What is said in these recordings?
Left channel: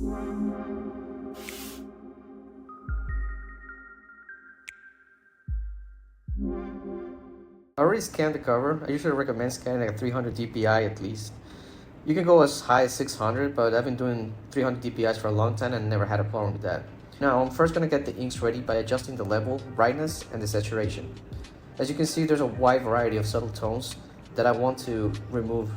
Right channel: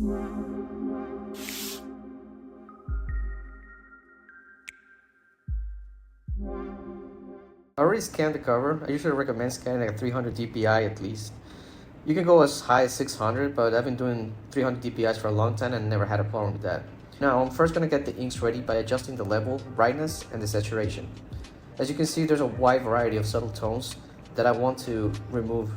I already scanned the cover. I usually recommend scanning like 300 dpi at least. You can go as high as 600, but I've been doing 300 dpi's for a long time and never had a problem with that. Now, I'm first going to get the inks ready by adjusting the level, brightness, and the saturation. As you can see, there's a wide variety of subtle tones that I want to remove.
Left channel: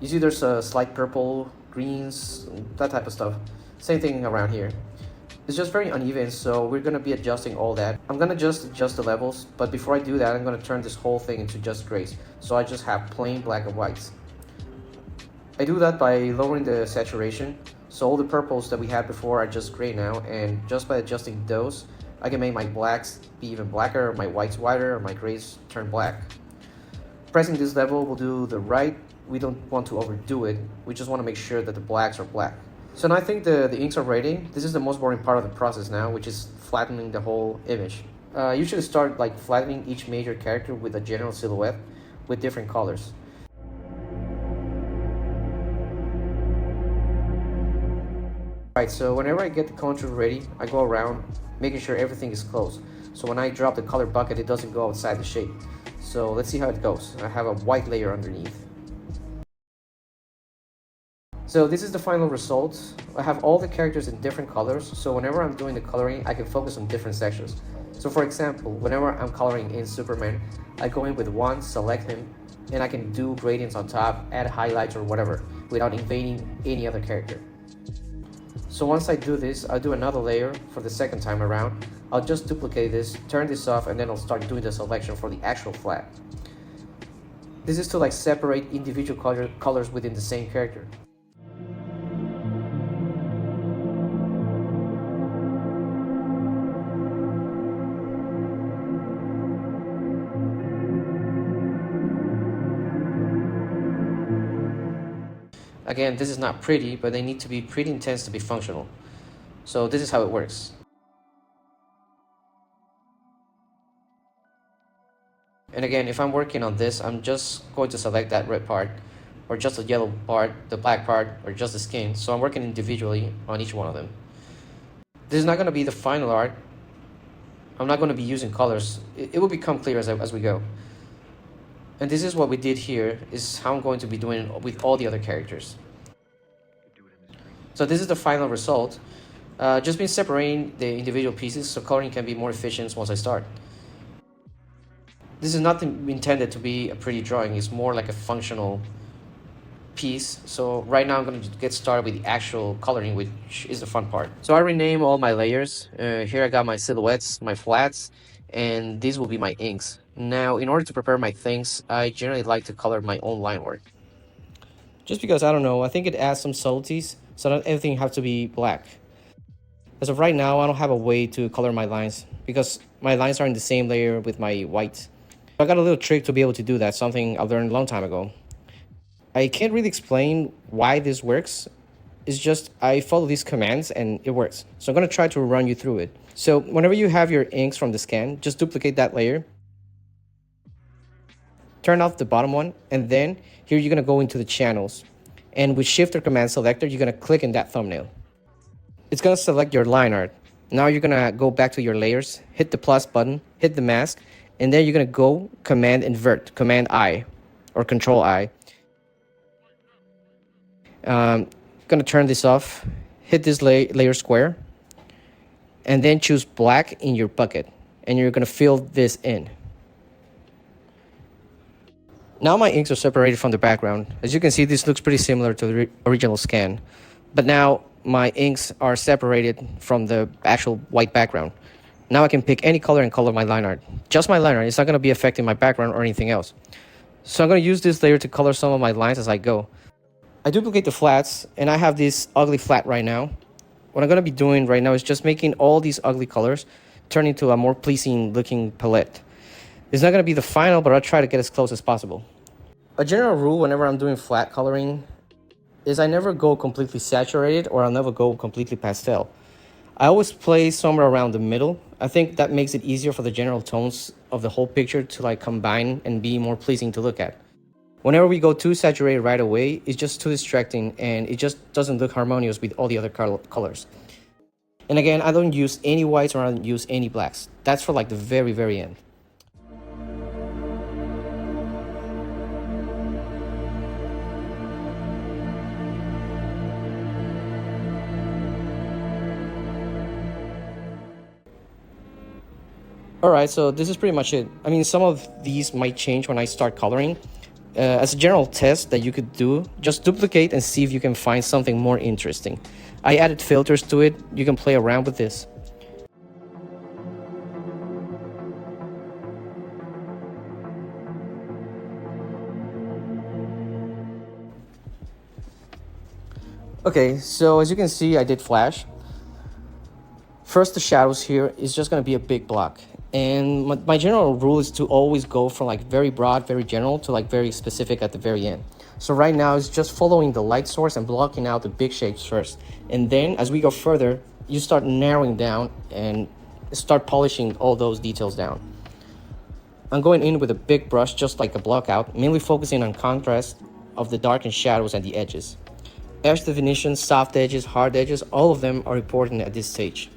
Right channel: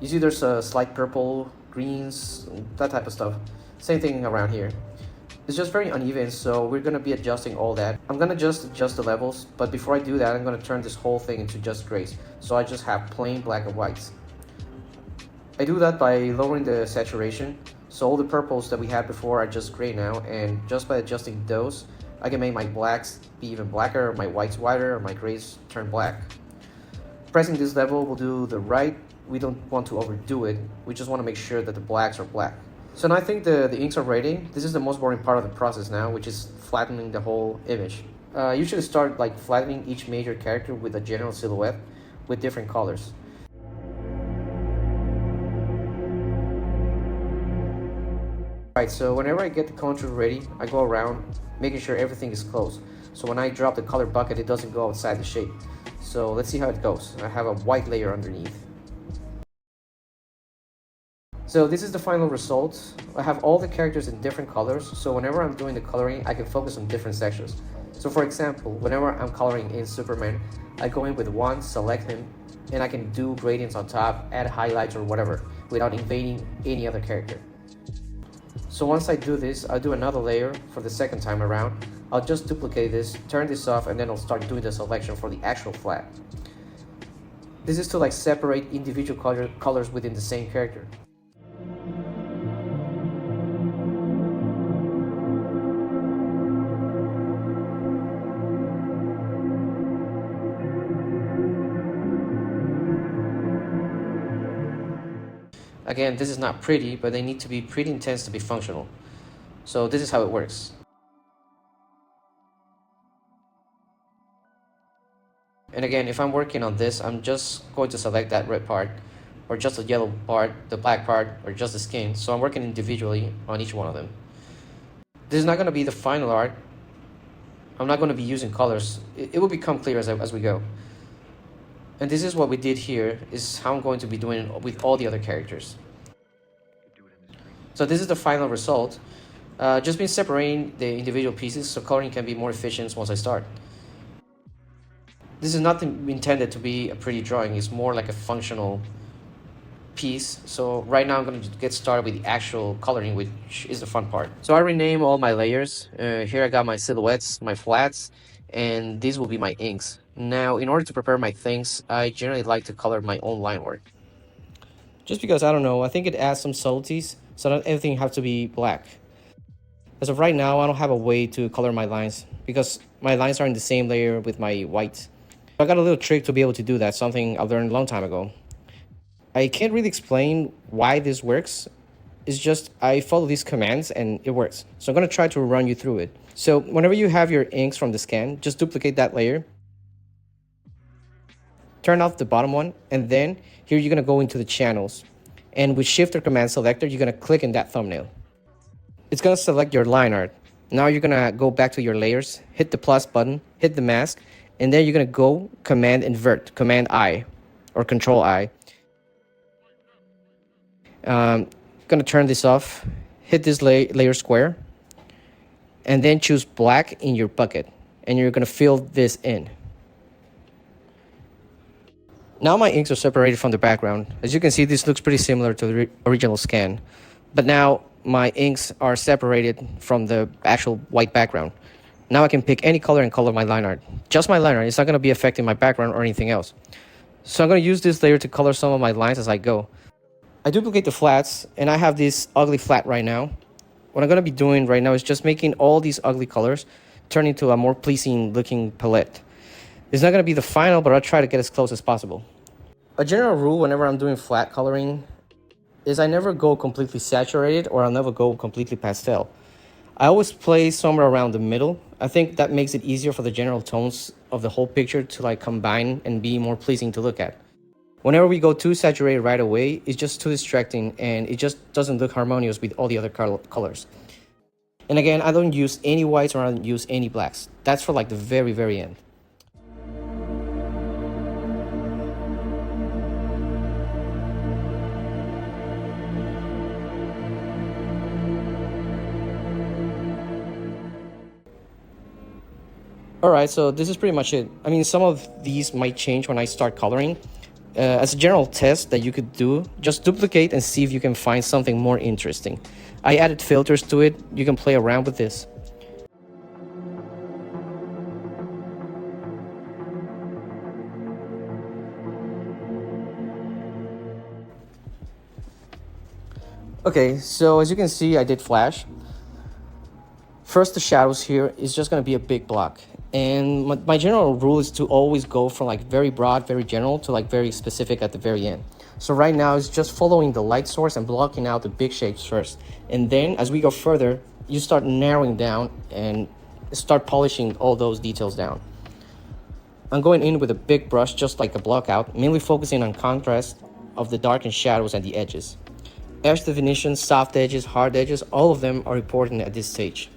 You see there's a slight purple, greens, that type of stuff. Same thing around here. It's just very uneven, so we're going to be adjusting all that. I'm going to just adjust the levels, but before I do that, I'm going to turn this whole thing into just grays. So I just have plain black and whites. I do that by lowering the saturation, so all the purples that we had before are just gray now, and just by adjusting those, I can make my blacks be even blacker, or my whites whiter, or my grays turn black. Pressing this level will do the right. We don't want to overdo it, we just want to make sure that the blacks are black. So now I think the inks are ready. This is the most boring part of the process now, which is flattening the whole image. I usually start like flattening each major character with a general silhouette with different colors. Alright, so whenever I get the contour ready, I go around making sure everything is close. So when I drop the color bucket, it doesn't go outside the shape. So let's see how it goes. I have a white layer underneath. So this is the final result. I have all the characters in different colors, so whenever I'm doing the coloring, I can focus on different sections. So for example, whenever I'm coloring in Superman, I go in with one, select him, and I can do gradients on top, add highlights or whatever, without invading any other character. So once I do this, I'll do another layer for the second time around. I'll just duplicate this, turn this off, and then I'll start doing the selection for the actual flat. This is to like separate individual colors within the same character. Again, this is not pretty, but they need to be pretty intense to be functional. So this is how it works. And again, if I'm working on this, I'm just going to select that red part, or just the yellow part, the black part, or just the skin. So I'm working individually on each one of them. This is not going to be the final art. I'm not going to be using colors. It will become clear as we go. And this is what we did here, is how I'm going to be doing it with all the other characters. So this is the final result. Just been separating the individual pieces so coloring can be more efficient once I start. This is not intended to be a pretty drawing, it's more like a functional piece. So right now I'm going to get started with the actual coloring, which is the fun part. So I rename all my layers. Here I got my silhouettes, my flats, and these will be my inks. Now, in order to prepare my things, I generally like to color my own line work. Just because, I don't know, I think it adds some subtleties, so not everything has to be black. As of right now, I don't have a way to color my lines, because my lines are in the same layer with my white. I got a little trick to be able to do that, something I learned a long time ago. I can't really explain why this works. It's just I follow these commands and it works. So I'm going to try to run you through it. So whenever you have your inks from the scan, just duplicate that layer. Turn off the bottom one, and then here you're going to go into the channels. And with Shift or Command Selector, you're going to click in that thumbnail. It's going to select your line art. Now you're going to go back to your layers, hit the plus button, hit the mask, and then you're going to go Command Invert, Command I, or Control I. Going to turn this off, hit this layer square, and then choose black in your bucket, and you're going to fill this in. Now my inks are separated from the background. As you can see, this looks pretty similar to the original scan, but now my inks are separated from the actual white background. Now I can pick any color and color my line art. Just my line art, it's not going to be affecting my background or anything else. So I'm going to use this layer to color some of my lines as I go. I duplicate the flats, and I have this ugly flat right now. What I'm going to be doing right now is just making all these ugly colors turn into a more pleasing looking palette. It's not going to be the final, but I'll try to get as close as possible. A general rule whenever I'm doing flat coloring is I never go completely saturated, or I'll never go completely pastel. I always play somewhere around the middle. I think that makes it easier for the general tones of the whole picture to like combine and be more pleasing to look at. Whenever we go too saturated right away, it's just too distracting and it just doesn't look harmonious with all the other colors. And again, I don't use any whites or I don't use any blacks. That's for like the very, very end. Alright, so this is pretty much it. I mean, some of these might change when I start coloring. As a general test that you could do, just duplicate and see if you can find something more interesting. I added filters to it. You can play around with this. Okay, so as you can see, I did flash. First, the shadows here is just going to be a big block. And my general rule is to always go from like very broad, very general to like very specific at the very end. So right now it's just following the light source and blocking out the big shapes first. And then as we go further, you start narrowing down and start polishing all those details down. I'm going in with a big brush, just like a block out, mainly focusing on contrast of the dark and shadows and the edges. Edge definition, soft edges, hard edges, all of them are important at this stage.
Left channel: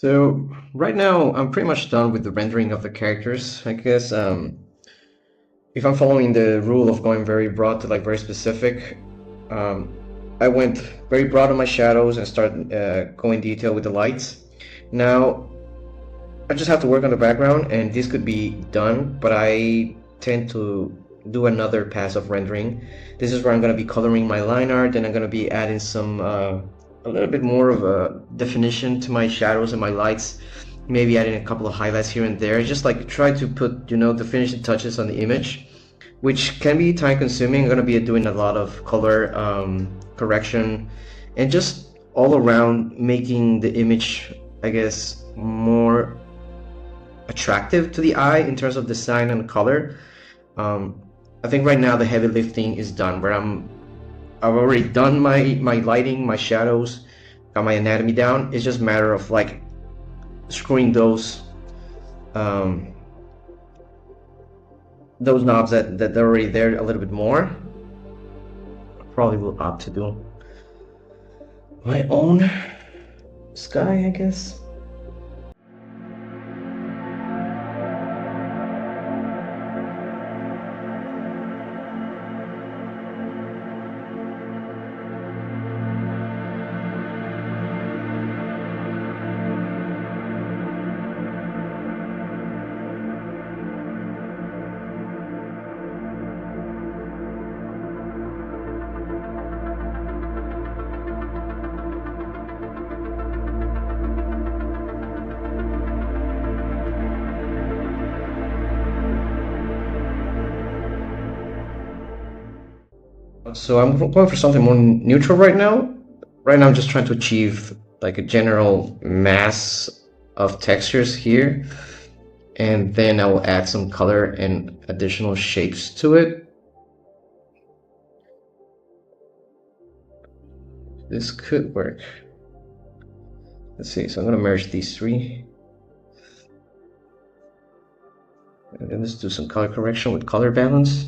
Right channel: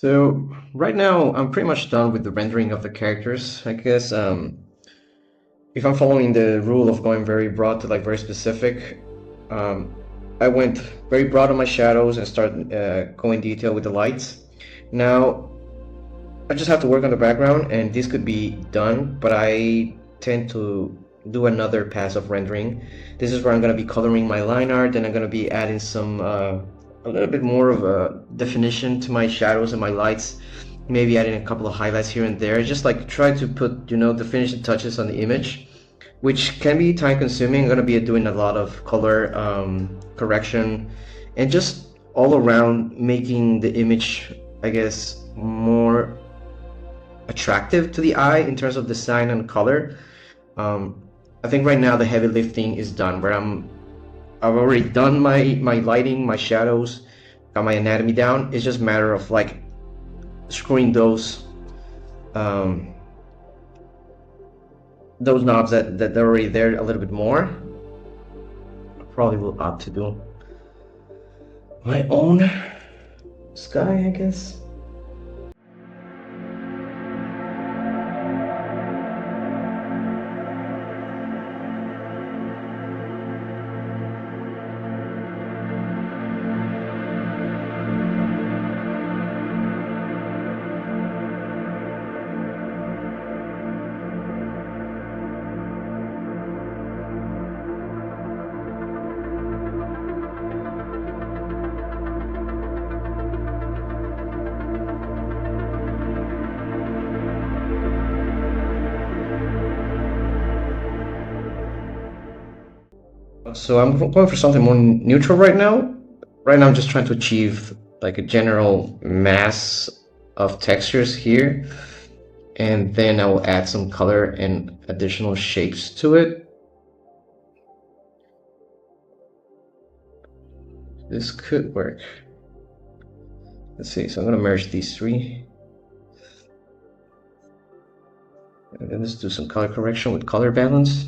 So right now I'm pretty much done with the rendering of the characters. I guess if I'm following the rule of going very broad to like very specific, um, I went very broad on my shadows and started going detail with the lights. Now I just have to work on the background, and this could be done, but I tend to do another pass of rendering. This is where I'm going to be coloring my line art, and I'm going to be adding some a little bit more of a definition to my shadows and my lights, maybe adding a couple of highlights here and there, just like try to put, the finishing touches on the image, which can be time consuming. I'm going to be doing a lot of color correction and just all around making the image, I guess, more attractive to the eye in terms of design and color. I think right now the heavy lifting is done, where I've already done my lighting, my shadows, got my anatomy down. It's just a matter of like screwing um, those knobs that are already there a little bit more. I probably will opt to do my own sky, I guess. So I'm going for something more neutral right now. Right now I'm just trying to achieve like a general mass of textures here, and then I will add some color and additional shapes to it. This could work. Let's see, so I'm gonna merge these three. And then let's do some color correction with color balance.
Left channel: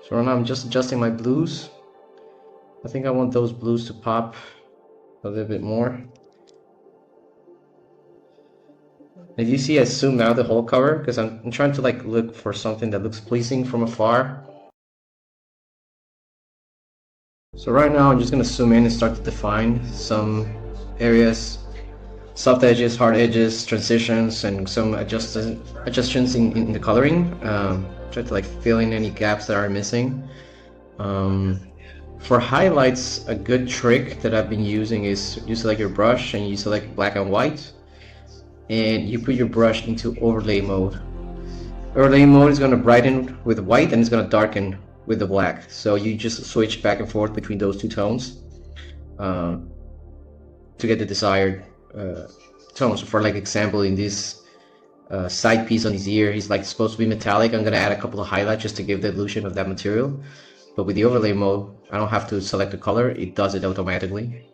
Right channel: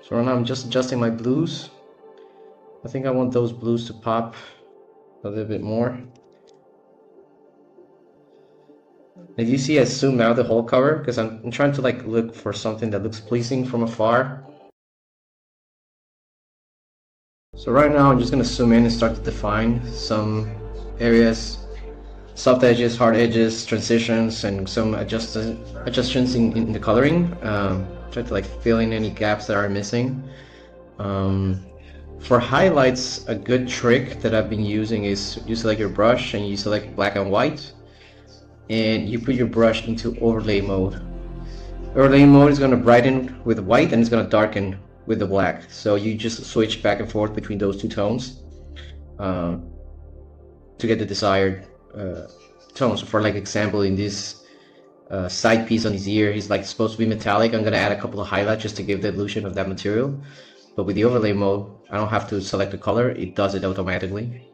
So right now I'm just adjusting my blues. I think I want those blues to pop a little bit more. As you see, I zoomed out the whole cover because I'm trying to like look for something that looks pleasing from afar. So right now I'm just gonna zoom in and start to define some areas, soft edges, hard edges, transitions, and some adjustments in the coloring. Try to like fill in any gaps that are missing. For highlights, a good trick that I've been using is you select your brush and you select black and white, and you put your brush into overlay mode. Overlay mode is going to brighten with white and it's going to darken with the black. So you just switch back and forth between those two tones to get the desired tones. For like example, in this side piece on his ear, he's like supposed to be metallic. I'm going to add a couple of highlights just to give the illusion of that material. But with the overlay mode, I don't have to select the color, it does it automatically.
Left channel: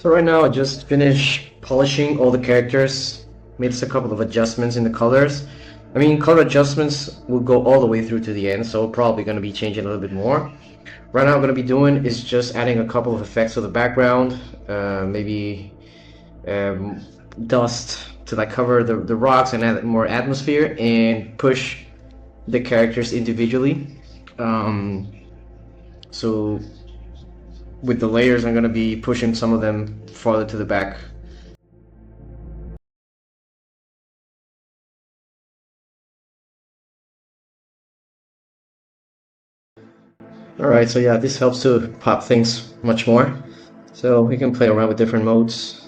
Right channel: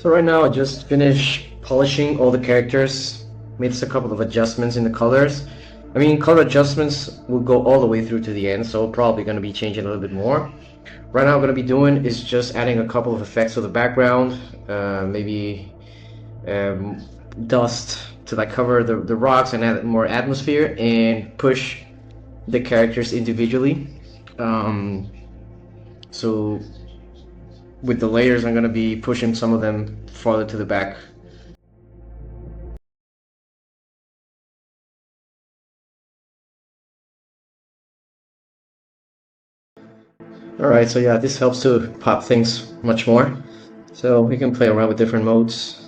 So right now I just finished polishing all the characters, made just a couple of adjustments in the colors. I mean, color adjustments will go all the way through to the end, so probably going to be changing a little bit more. Right now what I'm going to be doing is just adding a couple of effects to the background, maybe um, dust to like cover the rocks and add more atmosphere and push the characters individually. Um, so with the layers, I'm going to be pushing some of them farther to the back. Alright, so yeah, this helps to pop things much more. So we can play around with different modes.